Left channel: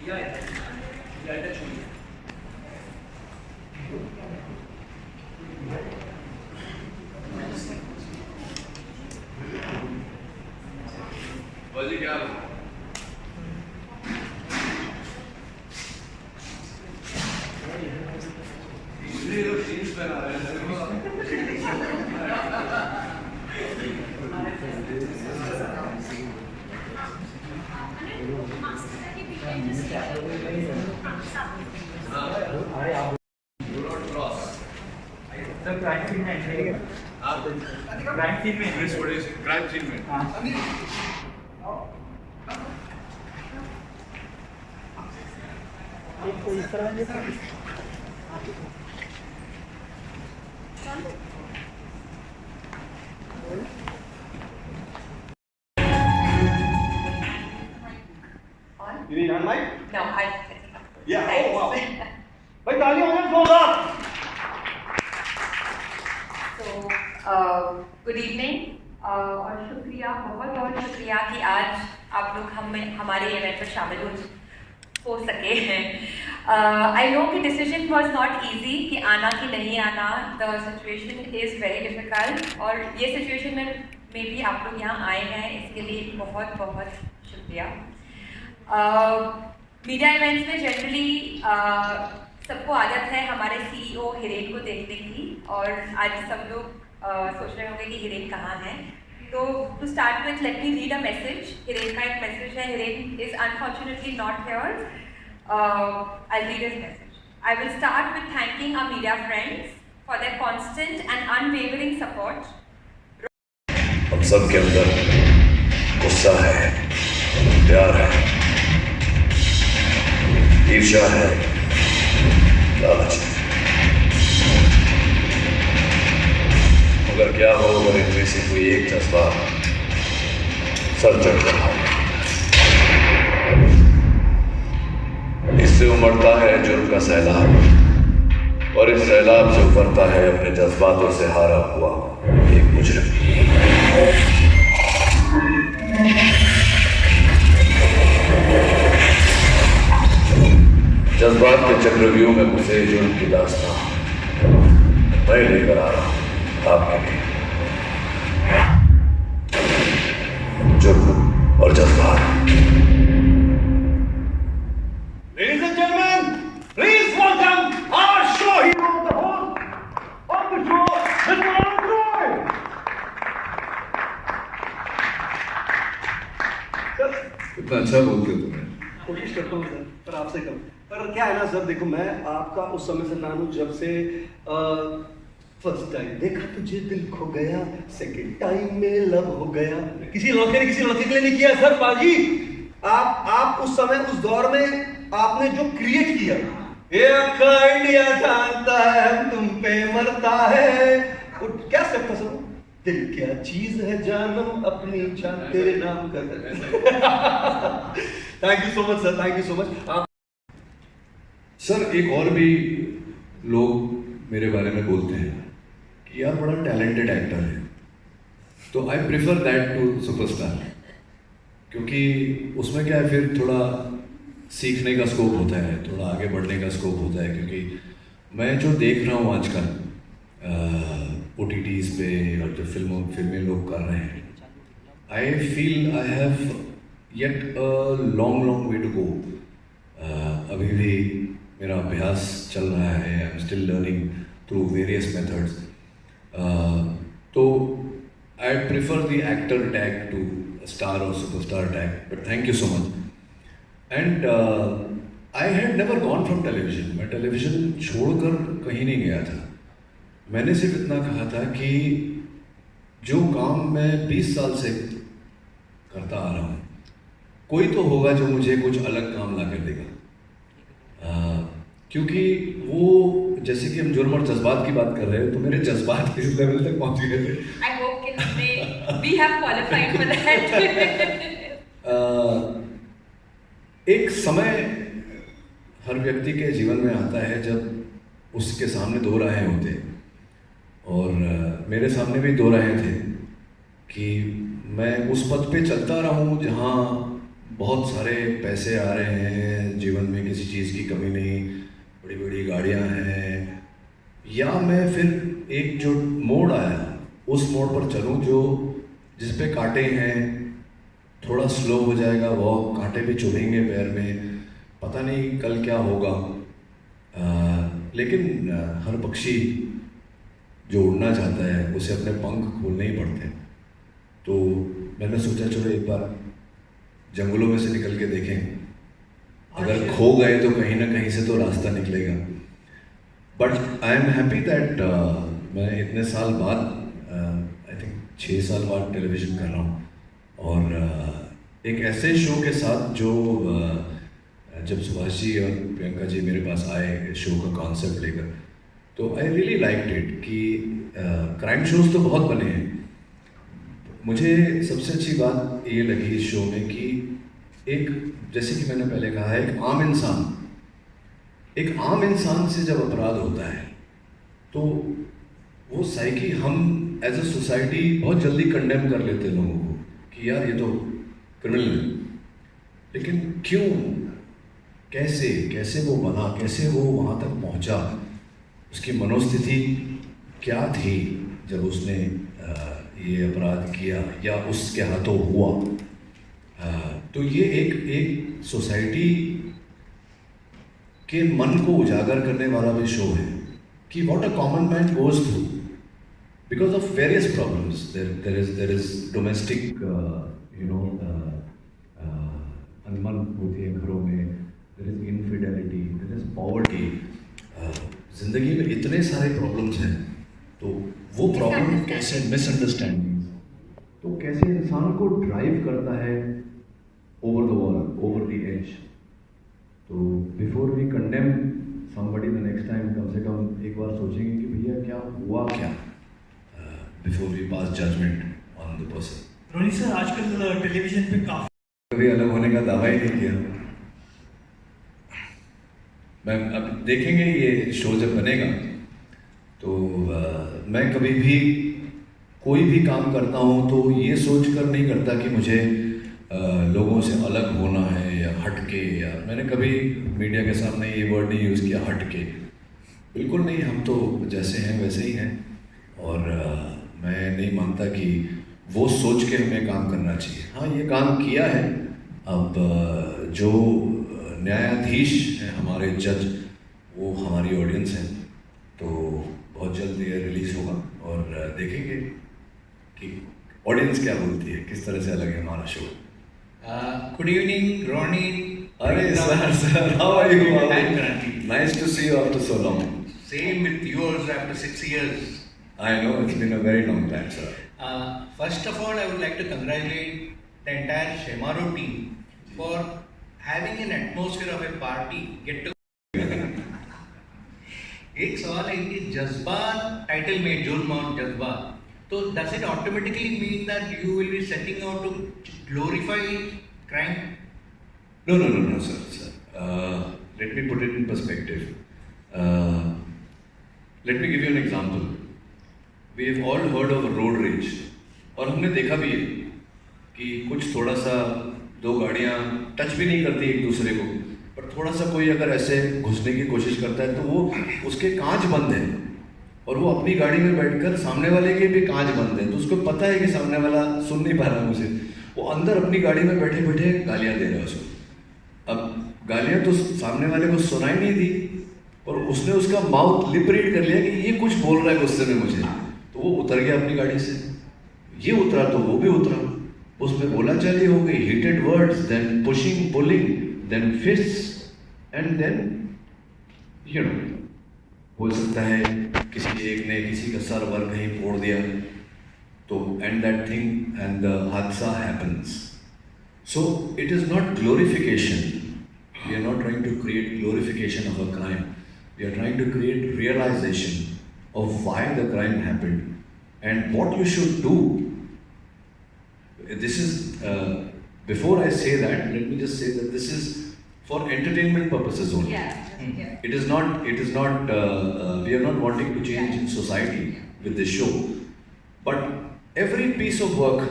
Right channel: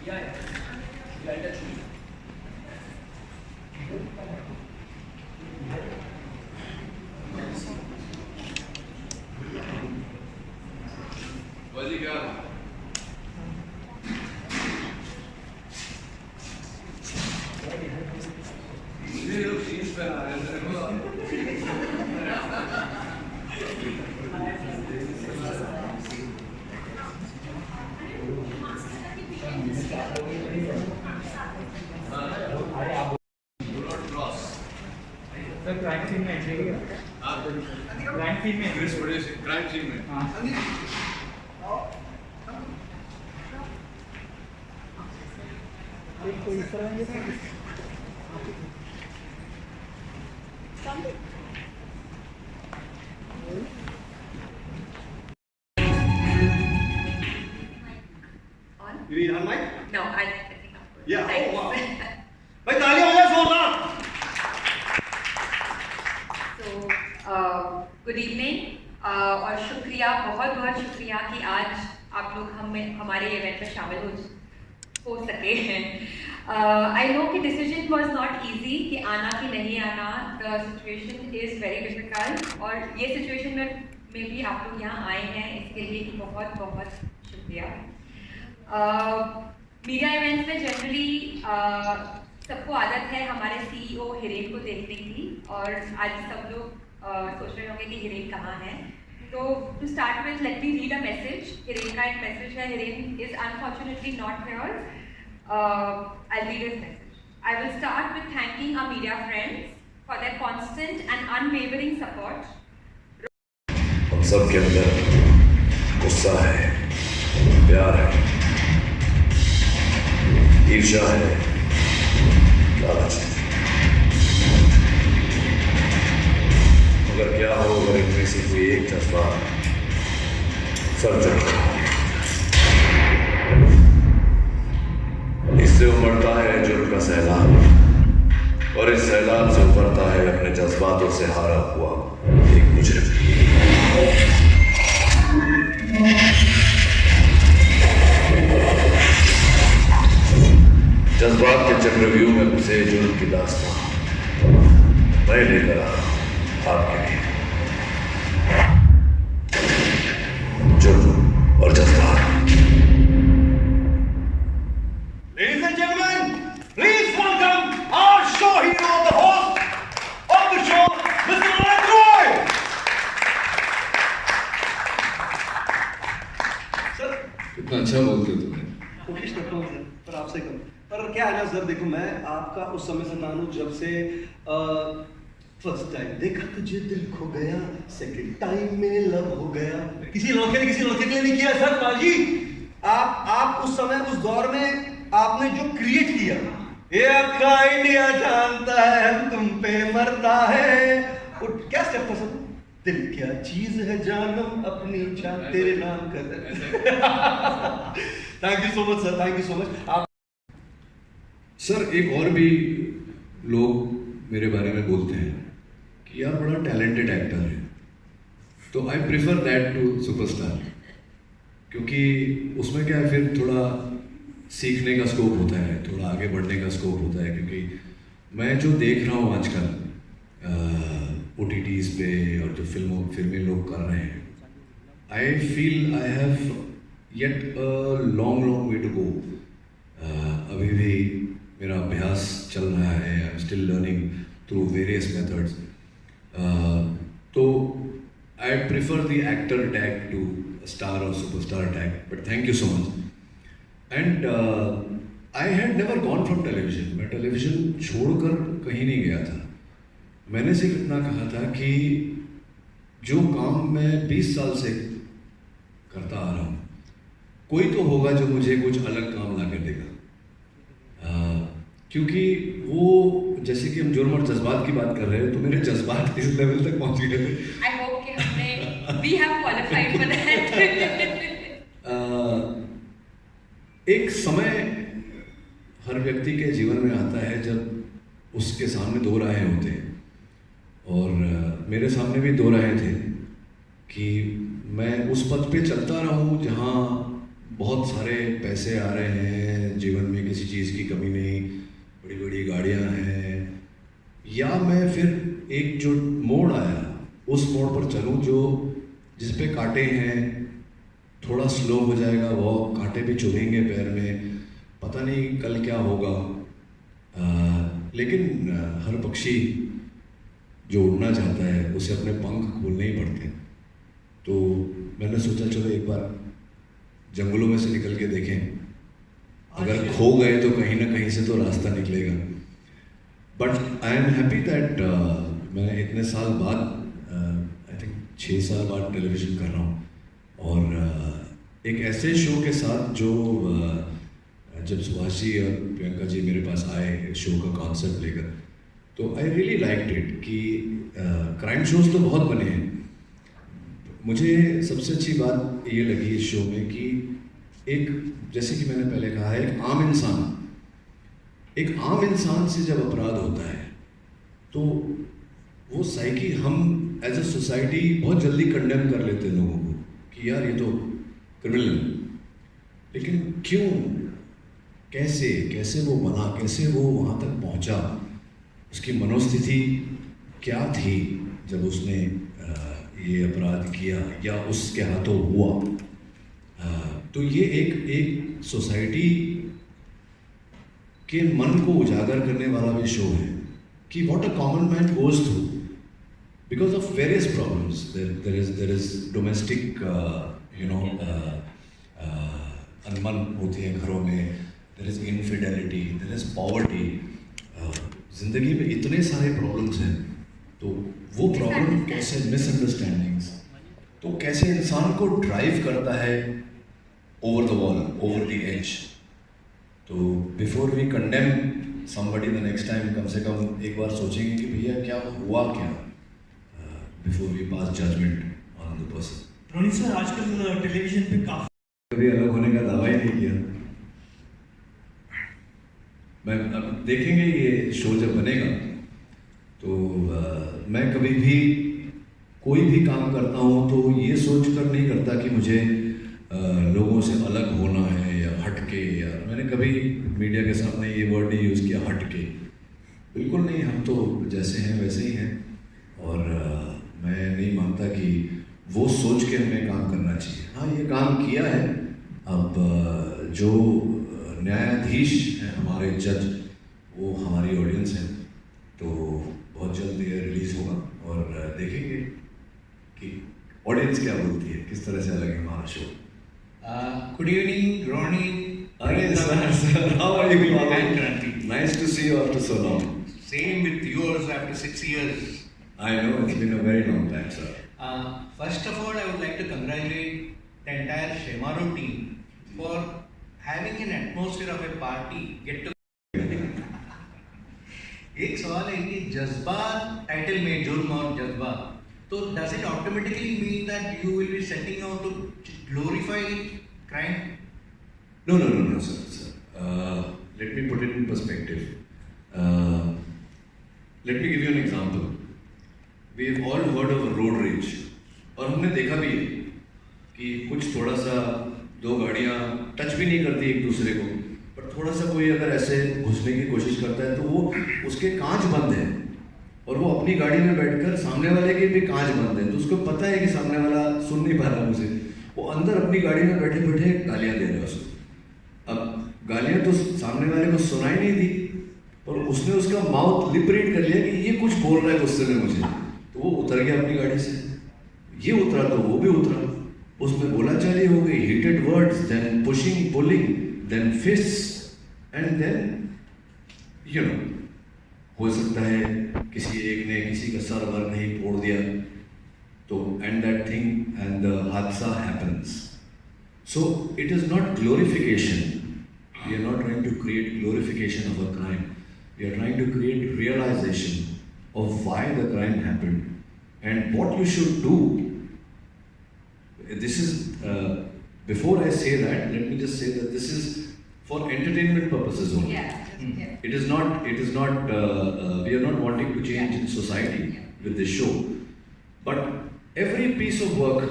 बाजी क्या हाल है? ये लोग जीन्स पहना रहे हैं। Do not cross. Sir crime scene में एंट्री है। क्राइम सीन में Chris, what is it? Crime scene में। You need on mic? No, I think. Yeah. Thanks. Oh wow. भाई तालियां हो जाए जोरदार. So, good evening और शुक्रिया, बहुत बहुत शुक्रिया कि आज आप लोग हमारे इवेंट में शामिल हो सके हैं. I know कि decision was not easy कि आना कि नहीं आना. The situation is very difficult और ये situation में भी आप लोग यहाँ आए हैं, इसके लिए बहुत बहुत शुक्रिया. मीडिया इवेंट्स में जनरली सबको आदत है हमारे CEO हिरेन को देखने की और आज सब लोग सोच रहे होंगे कि हिरेन कहाँ है. तो to start with let me read a message. Hiren का एक मैसेज है. Hiren is unfortunately not here. I'll read his message. I will start with thanking our media friends for their constant and unwavering support. हम सब के अंदर गुस्सा है, प्यार है, ईर्ष्या है, लालच है. मगर क्या हो अगर इनमें से कोई एक जज्बा सर चढ़ कर इससे उमड़ता है जुर्म का सैलाब और इस सैलाब से उभरता है अपने जज्बातों से हारा हुआ एक मुजरिम. जज्बात के चक्रव्यूह में घुसे जुर्म की दास्तां मैं लेकर आ रहा हूं आपके लिए. जुर्म और जज्बात. Ladies and gentlemen, please welcome our show hero, the host of the show, Mr. Anand Roy. Sir कितना अच्छा बोलते हो तुमने. कोशिश करता हूँ सर, पर आपसे कम. पर क्या है ना सर, देखो मैं आपका उस समय से नानू जब से फर्स्ट टाइम देखा तुझे दिल खो गया, सेकंड टाइम में लव हो गया. किसी लड़के ने किसी लड़के के लिए नहीं किया सर. बाजी आप उस समय उस दौर में आपने जो क्रिएट किया, ये अक्का इंडिया जानता है तुम पे मरता है. क्या स्टेप था सर? दिल क्या चीज है जानम अपनी जान तेरे नाम कर. Thank you so much sir, thank you so much. आप सर एक और भी लोग मेरे बारे में बोलते हैं कि यार बड़ा टैलेंटेड एक्टर है, तो I prefer that to superstar, क्योंकि उसमें क्या है फिर थोड़ा सीखने का स्कोप होता है, थोड़ा आगे बढ़ने का स्कोप होता है. क्योंकि मैं जो देख रहा हूँ आजकल OTTs पे और जो फिल्में लोग कर रहे हैं, I feel I have yet a long way to go. अभी भी मेरा अभ्यास चल रहा है. I am still learning through various methods. तो I prefer the actor tag to star और superstar tag. But thank you so much. And I had never gone from television. मैं टेलीविजन छोड़कर कहीं नहीं गया था. मैंने सिर्फ इतना कहा था कि जो काम मैं 20 साल से करता आ रहा हूँ, कोई तो होगा जो मुझे कुछ अलग काम ला कर देगा. क्योंकि वो जैसे कि हम जुर्म और जज्बात की बात कर रहे हैं, तो मेरे जज्बात इस लेवल तक पहुँच गए थे. I hope कि हमने we have qualified for that. एक समय हर व्यक्ति के जीवन में आता है जब उसके सामने दो राहें होते हैं. और मेरे सामने भी दो राहें थे कि मैं उस पथ पे चलता रहूं जहां बहुत सारे पैसे आ रहे हैं, जीवन में किसी चीज़ की कमी नहीं, बड़ी बड़ी गाड़ियाँ हैं, या मैं फिर एक जो मोड़ आया उस मोड़ पर चलूँ जो जिस पे कांटे हैं, थोड़ा स्लो हो जाएगा वॉक, कांटे भी चुभेंगे पैर में, पता नहीं कल क्या होगा। लेकिन हर पक्षी जो उड़ना चाहता है उसे अपने पंख खोलने ही पड़ते हैं। तो मैंने सोचा चलो एक बार जंगलों में से निकल के देखें, अगर खो गए तो कहीं ना कहीं से तो रास्ता निकलेगा। But I am happy that मैं इतने साल बाद, आई थिंक 6 साल बाद टेलीविज़न कर रहा हूँ, और एक ऐसे शो के साथ जो जब सुभाष जी और प्रियंका जी मेरे पास आए शो का कॉन्सेप्ट लेकर, तो आई रियली लाइक्ड इट कि क्राइम शोज तो बहुत बने हैं। मुझे सबसे अच्छी बात ये लगी इस शो में कि एक, जैसे कि मैंने पहले कहा है, एक आम इंसान से जब अपराध होता है तो वो साइकी हम एज अ सोसाइटी बहुत जल्दी कंडेम कर लेते हैं लोगों को कि यार ये तो क्रिमिनल है। लेकिन क्यों, कैसे वो बना, कैसे वो वहाँ तक पहुँचा, उसकी मनोस्थिति क्या थी जब उसने ये अपराध किया या उसके हाथों हुआ। तो ये एक सोसाइटी के मन को उजागर करने वाला भी शो है कि what a common man goes through because of various problems. There is domestic अनमन होती है घरों में, there is infidelity, there is poverty. जिंदगी में इतने सारे प्रॉब्लम्स हैं, तो वो प्रॉब्लम कैसे, मिसअंडरस्टैंडिंग्स, तो कैसे इंसान को ड्राइव करता है over the wall, over the edge. तो before we condemn somebody the next time, कम से कम एक बार सोचेंगे कि भैया क्या हुआ क्या, before we pass judgement on the person. Ronnie sir, आजकल टेलीविजन पे काफी कभी अलग होने का दावा ही नहीं किया। मैं अब देखेंगे ये शो जब बनेगा तो मैं कभी भी कोई भी काम करता हूँ तो ये सोच कर नहीं करता कि मुझे लोगों से अलग होना है या हटके, या मैंने कभी मीडिया के सामने ये वर्ड नहीं यूज़ किया हटके, बिल्कुल नहीं। हम तो जैसे हैं वैसे ही हैं, और मैं नहीं मानता कि वो सोच के हमें काम करना चाहिए। हाँ, ये काम किया है। अब जो न्यायाधीश हैं हमारे, जज, वो हमारी ऑडियंस है, तो बहुत जल्द ये रिलीज होगा और देखेंगे कि ऑडियंस क्या बोलती है, किस तरह से अलग है हमारा शो। Good evening Ronnie. अरे sir, how are you? Nice to see you after so long. Same with yours after 6 years. I know, it's been a very long time, sir. First of all, I would like to congratulate the entire Shemaro team for having an atmosphere of a party get together. It's all a Jazba title made, Jod Mount Jazba. So does it automatically mean that you will be setting out to glorify crime? No, sir. Let me put it in perspective. Let me give you an example. We have all heard of road rage, और हमने देखा भी है कि कुछ थोड़ा सा दो गाड़ियाँ टच भी नहीं करती एक दूसरे को, पर थोड़ा सा कोई अगर ऐसे घुसने की कोशिश करता है तो वो उसके कांच बंद है और वो अपनी गाड़ी में बैठकर सामने वाले के भी कांच बंद है, तो उसको पता है कि सामने वाला सुन नहीं पा रहा मुझे, वो अंदर अपनी गाड़ी में बैठे बैठे गालियाँ दे रहा है उसको। अब गालियाँ तो सामने वाले को सुनाई नहीं दी और उसने उसका माउथ लिप रीड कर लिया कि ये कुछ बोल रहा है गुस्से में मुझे, तो वो उतर गया अपनी गाड़ी से। ये उतरा तो वो भी उतरा, उसमें बोला चलिए हो गई, heated words, then pushing, pulling, then fists, and then हो सकता है किसी एक ने किसी का सर वर नहीं फोड़ दिया, तो and that thing and the हादसा happens. So it is not glorification. We are not trying to create glorification of a crime. We are trying to create realization of why the crime happened and what you should do. This is, before I say that, let me just say that this is for entertainment purposes only. Yeah. It is not, we are not wanting to change in society with this show. But every piece of work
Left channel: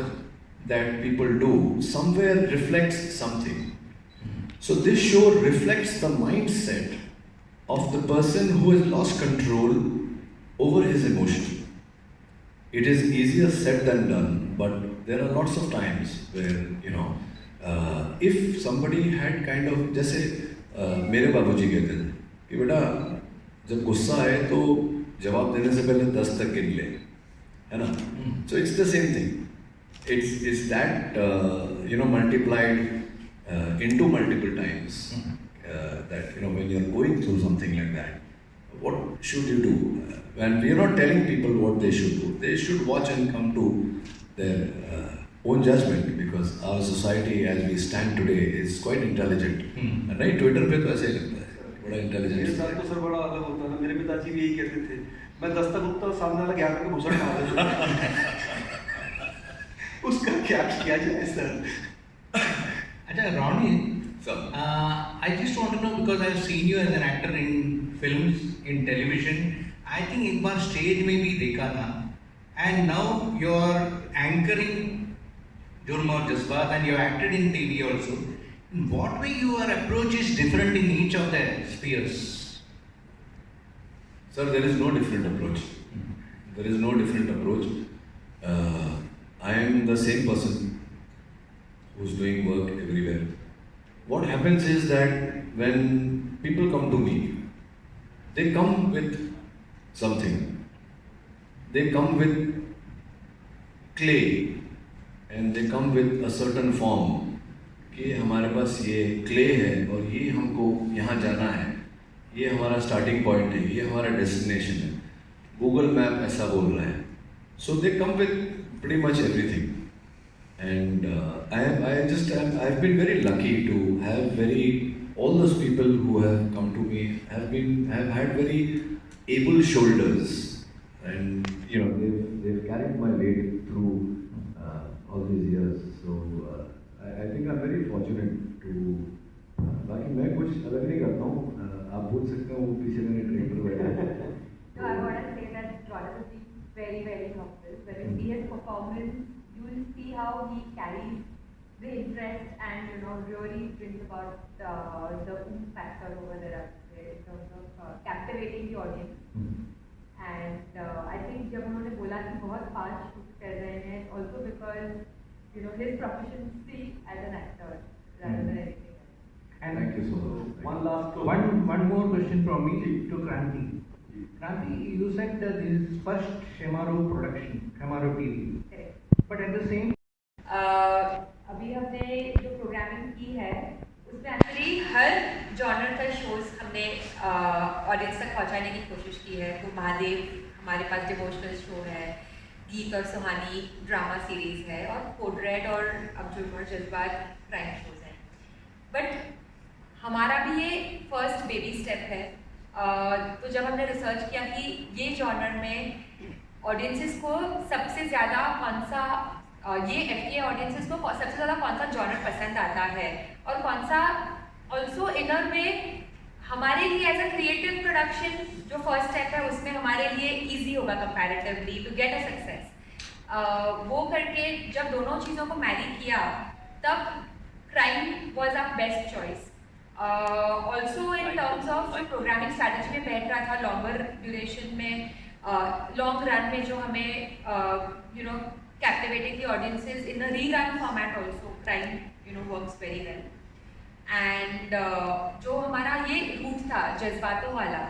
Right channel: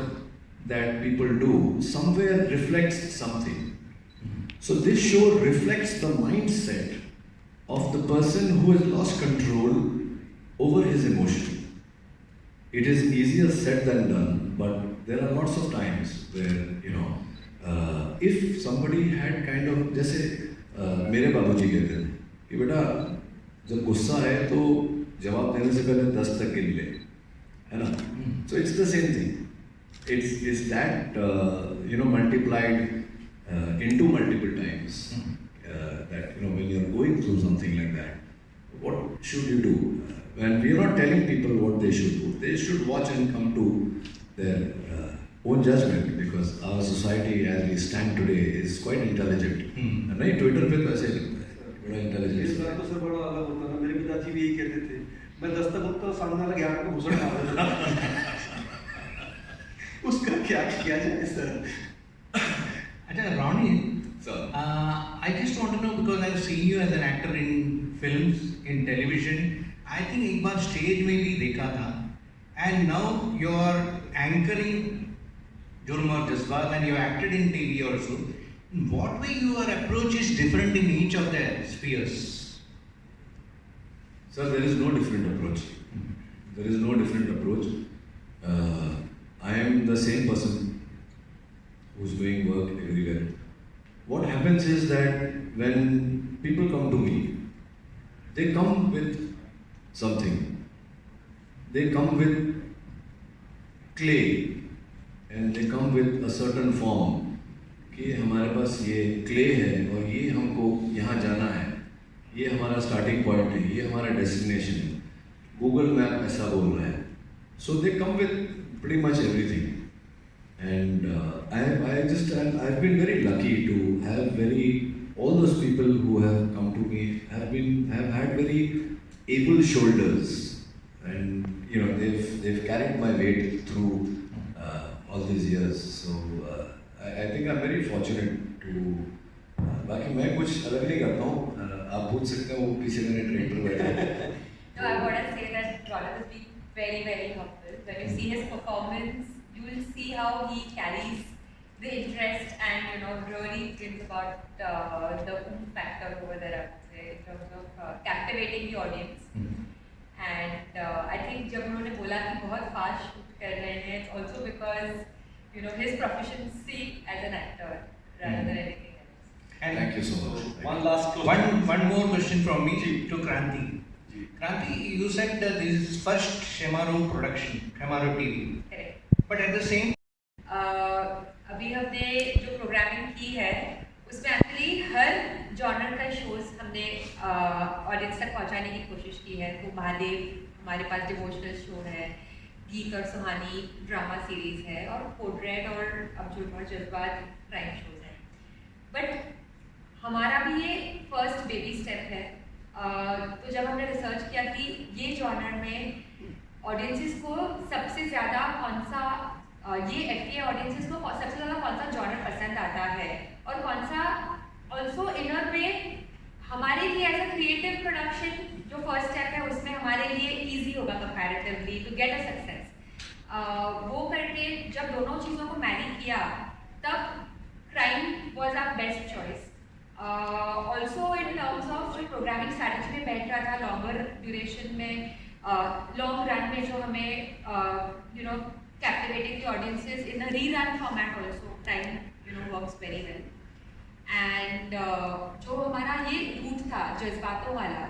that people do somewhere reflects something. So this show reflects the mindset of the person who has lost control over his emotion. It is easier said than done, but there are lots of times where if somebody had kind of, जैसे मेरे बाबूजी कहते थे कि बेटा जब गुस्सा आए तो जवाब देने से पहले 10 तक गिन ले, है ना? So it's the same thing. It's that multiplied into multiple times. That when you're going through something like that, what should you do? And we're not telling people what they should do. They should watch and come to their own judgment, because our society as we stand today is quite intelligent. Right? Twitter पे तो ऐसे ही लगता है बड़ा मेरे intelligent. साथ तो sir बड़ा अलग होता है. मेरे पिताजी भी यही कहते थे, मैं 10 तक उठता सामने वाला ज्ञान को घुसड़ मार देता. उसका क्या किया जाए सर? अच्छा Ronnie, So, I just want to know, because I have seen you as an actor in films, in television. I think एक बार stage में भी देखा था, and now you are anchoring Jurm Aur Jazbaat and you acted in TV also. In what way your approach is different in each of the spheres? sir, there is no different approach. There is no different approach. I am the same person who's doing work everywhere. What happens is that when people come to me, they come with something. They come with clay and they come with a certain form. कि हमारे पास ये clay है और ये हमको यहाँ जाना है, ये हमारा स्टार्टिंग पॉइंट है, ये हमारा डेस्टिनेशन है. गूगल मैप ऐसा बोल रहा है. So they come with pretty much everything. And I've been very lucky to have all those people who have come to me have had very able shoulders, and they've carried my weight through all these years. So I think I'm very fortunate to. बाकी मैं कुछ अलग नहीं करता हूँ. आप पूछ सकते हो, वो पीछे मेरे ट्रेन पर बैठे हैं. No, I want to say that Jonathan has been very, very humble. When you see his performance, you will see how he carries the interest and really brings about the factor over there, I would say, in terms of captivating the audience. And I think जब उन्होंने बोला कि बहुत fast shoot कर रहे हैं, it's also because his proficiency as an actor rather than anything else. And Thank you so much. One last question. One more question from me to Kranti. Kranti, you said that this is first Shemaro production, Shemaro TV. Correct. But at the same अभी हमने जो programming की है उसमें actually हर genre का shows हमने audience तक पहुंचाने की कोशिश की है. तो महादेव हमारे पास डिवोशनल शो है, गीत और सुहानी ड्रामा सीरीज है, और कोड रेड और अब जुर्म और जज्बात क्राइम शोज हैं. बट हमारा भी ये फर्स्ट बेबी स्टेप है. तो जब हमने रिसर्च किया कि ये जॉनर में ऑडियंसेस को सबसे ज़्यादा कौन सा ये FTA ऑडियंसेस को सबसे ज़्यादा कौन सा जॉनर पसंद आता है और कौन सा ऑल्सो इनर वे हमारे लिए एज अ क्रिएटिव प्रोडक्शन जो फर्स्ट स्टेप है उसमें हमारे लिए ईजी होगा comparatively to get a success. वो करके जब दोनों चीज़ों को मैरी किया तब crime was our best choice. Also in terms of जो प्रोग्रामिंग स्ट्रैटेजी में बैठ रहा था लॉन्गर ड्यूरेशन में, लॉन्ग रन में जो हमें captivating the audiences in a rerun format also, time works very well. And जो हमारा ये रूट था जज्बातों वाला,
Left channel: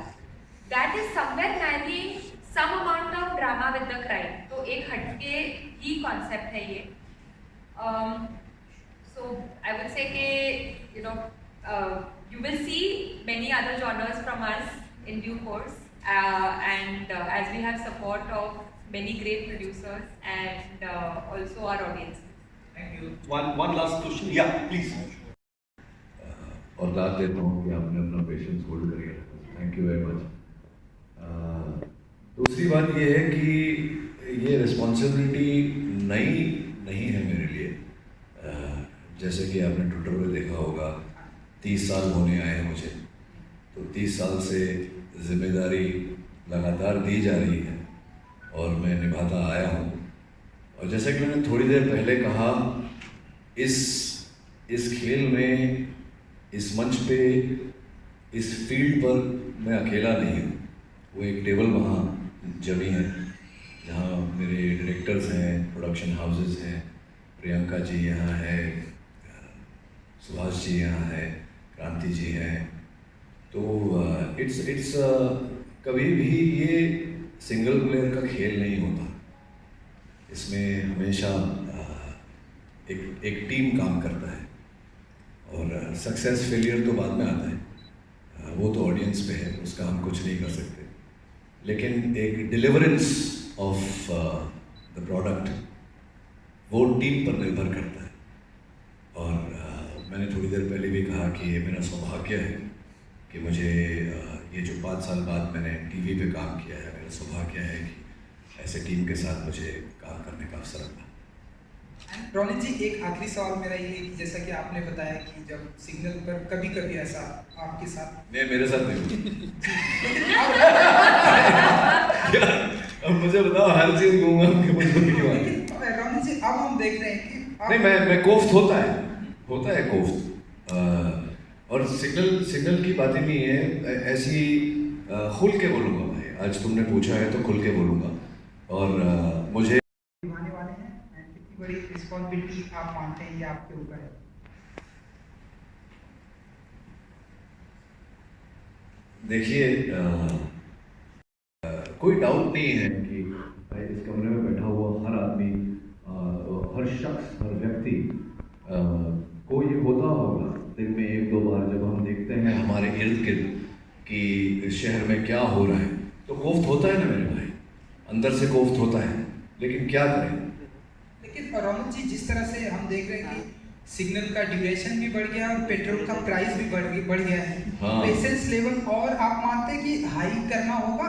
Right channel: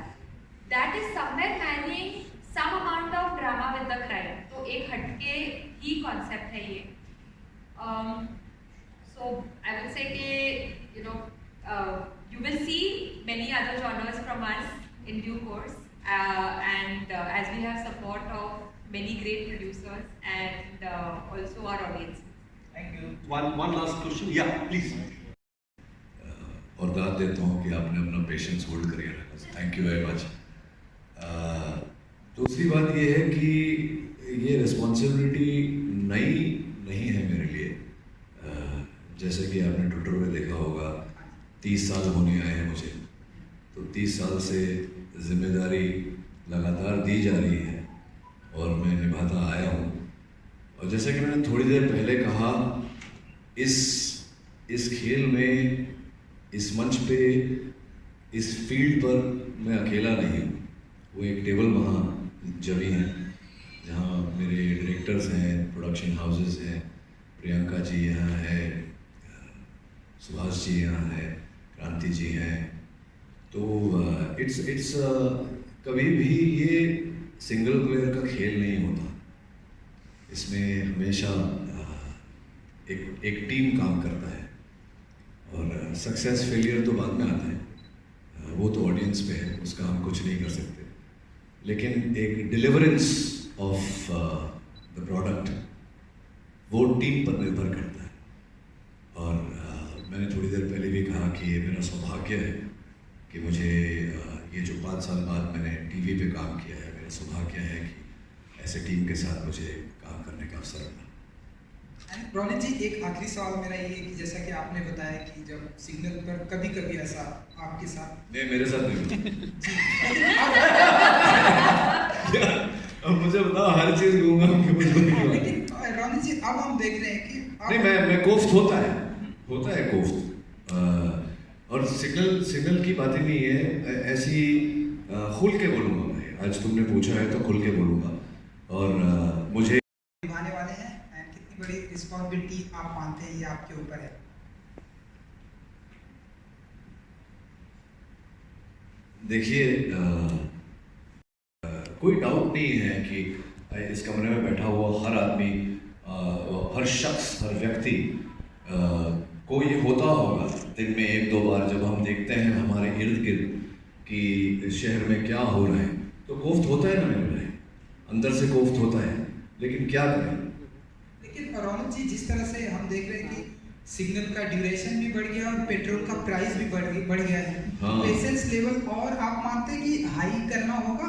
that is somewhere marrying some amount of drama with the crime. तो एक हटके ही concept है ये. So I would say कि you will see many other genres from us in due course, and as we have support of many great producers and also our audience. Thank you. One last question. Yeah, please. और दाद देता हूँ कि आपने अपना patience hold करिए. Thank you very much. दूसरी बात ये है कि ये रिस्पॉन्सिबिलिटी नई नहीं है मेरे लिए. जैसे कि आपने ट्विटर पे देखा होगा 30 साल होने आए हैं मुझे, तो 30 साल से जिम्मेदारी लगातार दी जा रही है और मैं निभाता आया हूँ. और जैसा कि मैंने थोड़ी देर पहले कहा, इस खेल में, इस मंच पे, इस फील्ड पर मैं अकेला नहीं हूँ। वो एक टेबल वहाँ जमी है जहाँ मेरे डायरेक्टर्स हैं, प्रोडक्शन हाउसेस हैं, प्रियंका जी यहाँ है, सुभाष जी यहाँ है, क्रांति जी हैं। तो इट्स कभी भी ये सिंगल प्लेयर का खेल नहीं होता। इसमें हमेशा एक टीम काम करता है, और सक्सेस फेलियर तो बाद में आता है, वो तो ऑडियंस पे है, उसका हम कुछ नहीं कर सकते। लेकिन एक डिलीवरेंस ऑफ द प्रोडक्ट वो टीम पर निर्भर करता है। और मैंने थोड़ी देर पहले भी कहा कि ये मेरा सौभाग्य है कि मुझे ये जो 5 साल बाद मैंने टीवी पे काम किया है, मेरा सौभाग्य है कि ऐसे टीम के साथ मुझे काम करने का अवसर मिला। रोनित जी, एक आखिरी सवाल मेरा ये है कि जैसा कि आपने बताया कि जब सिग्नल पर कभी कभी ऐसा आपके साथ नहीं, मेरे साथ नहीं। अब मुझे बताओ, हर चीज घूमा लेकिन रोनित जी, अब हम देख रहे हैं कि नहीं, मैं कोफ्त होता है कोफ्त। और सिग्नल की बात ही नहीं है, ऐसी खुल के बोलूँगा भाई। आज तुमने पूछा है तो खुल के बोलूँगा। और मुझे निभाने वाले हैं, कितनी बड़ी रिस्पॉन्सिबिलिटी आप मानते हैं ये आपके ऊपर है? देखिए, कोई डाउट नहीं है कि भाई इस कमरे में बैठा हुआ हर आदमी, हर शख्स, हर व्यक्ति को ये होता होगा दिन में 1-2 बार, जब हम देखते हैं हमारे इर्द गिर्द कि शहर में क्या हो रहा है, तो कोफ्त होता है ना मेरे भाई, अंदर से कोफ्त होता है। लेकिन क्या करें? लेकिन रोनित जी, जिस तरह से हम देख रहे हैं कि सिग्नल का ड्यूरेशन भी बढ़ गया और पेट्रोल का प्राइस भी बढ़ गया है, पेशेंस लेवल, और आप मानते हैं कि हाई करना होगा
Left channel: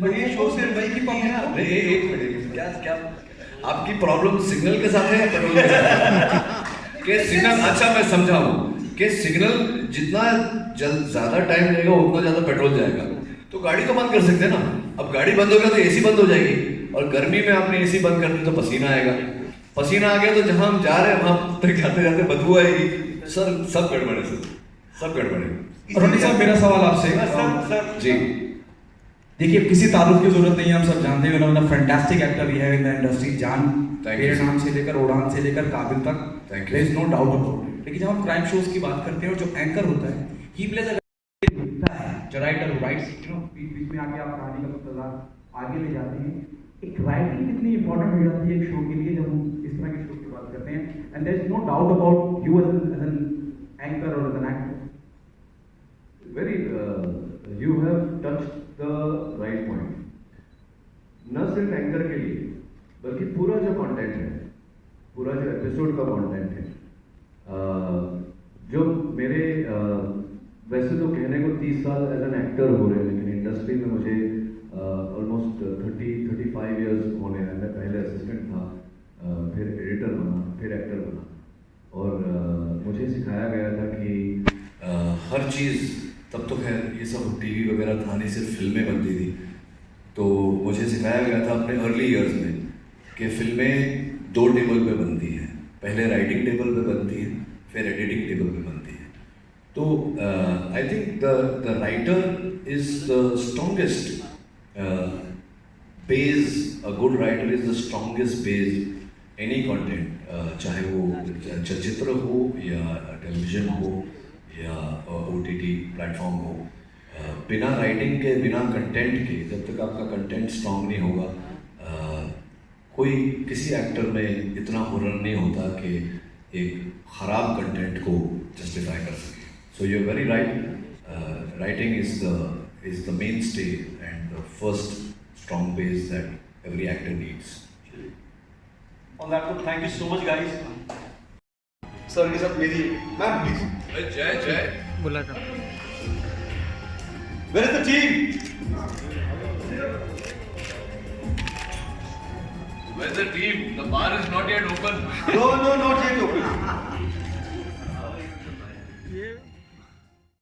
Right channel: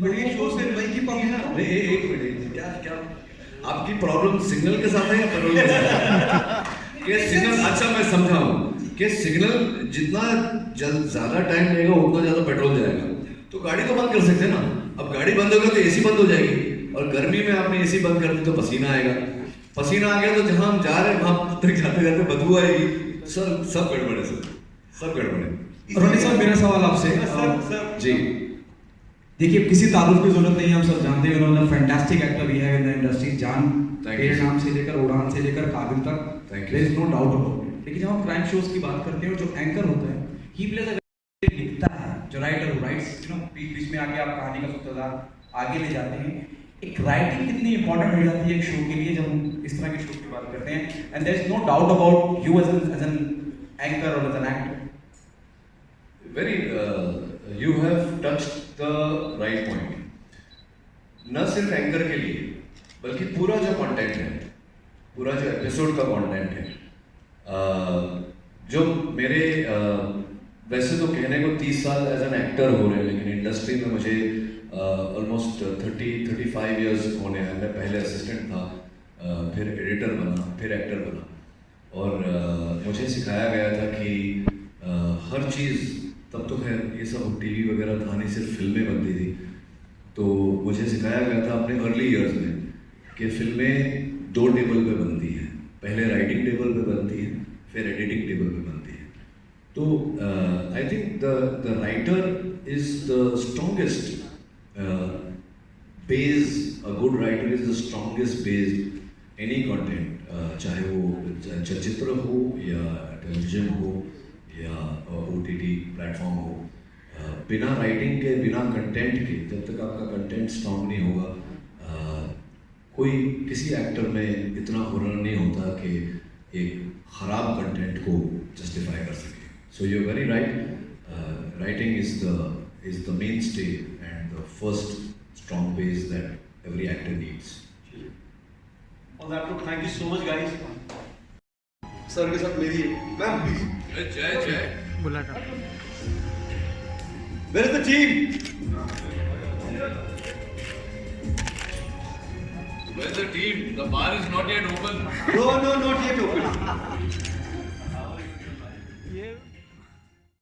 वही शो से वही की पब्लिक को? एक मिनट, क्या आपकी प्रॉब्लम सिग्नल के साथ है या पेट्रोल के साथ? कि सिग्नल, अच्छा मैं समझाऊं कि सिग्नल जितना ज़्यादा टाइम लेगा उतना ज़्यादा पेट्रोल जाएगा, तो गाड़ी तो बंद कर सकते हैं ना। अब गाड़ी बंद हो गया तो एसी बंद हो जाएगी, और गर्मी में आपने एसी बंद कर दी तो पसीना आएगा। पसीना आ गया तो जहाँ हम जा रहे हैं वहाँ तक जाते जाते बदबू आएगी। सर सब गड़बड़ है, सर सब गड़बड़ है। रोनित साहब, मेरा सवाल आपसे सर जी, देखिए, किसी तारुफ की जरूरत नहीं है, हम सब जानते हैं उन्होंने फैंटास्टिक एक्टर भी है इन द इंडस्ट्री। जान मेरे नाम से लेकर उड़ान से लेकर काबिल तक, Thank you. There is no doubt about it. लेकिन जब हम क्राइम शोज की बात करते हैं, और जो एंकर होता है, ही प्लेज अ लिखता है, जो राइटर राइट्स, बीच में आके आप कहानी का सूत्रधार आगे ले जाते हैं। एक राइटिंग कितनी इंपॉर्टेंट हो जाती है एक शो के लिए, जब हम इस तरह के शो की बात करते हैं। And there is no doubt about you as an anchor और as an actor. you have touched the right point. न सिर्फ एंकर के लिए, बल्कि पूरा जो कंटेंट है, पूरा जो एपिसोड का कंटेंट है, जो मेरे वैसे तो कहने को 30 साल एज एन एक्टर हो रहे हैं, लेकिन इंडस्ट्री में मुझे ऑलमोस्ट 30-35 इयर्स होने हैं। मैं पहले असिस्टेंट था, फिर एडिटर बना, फिर एक्टर बना, और मुझे सिखाया गया था कि हर चीज़, तब तो खैर ये सब टीवी वगैरह था नहीं, सिर्फ फिल्में बनती थी, तो मुझे सिखाया गया था अपने अर्ली ईयर्स में कि फिल्में 2 टेबल पे बनती हैं। पहले राइटिंग टेबल पे बनती है, फिर एडिटिंग टेबल पे बनती है। तो I think the writer is the strongest base, a good writer is the strongest base any content, चाहे वो चलचित्र हो या टेलीविजन हो या OTT प्लेटफॉर्म हो। बिना राइटिंग के, बिना कंटेंट के, जब तक आपका कंटेंट स्ट्रॉन्ग नहीं होगा, कोई किसी एक्टर में इतना हुनर नहीं होता कि एक ख़राब कंटेंट को जस्टिफाई कर सके। So you are very right, writing is the mainstay and the first strong base that every actor needs. On that note, thank you so much guys. Sir के साथ मेरी मैम प्लीज। जय बोला था। Where is the team? Where's the team? The bar is not yet open. No, not yet open.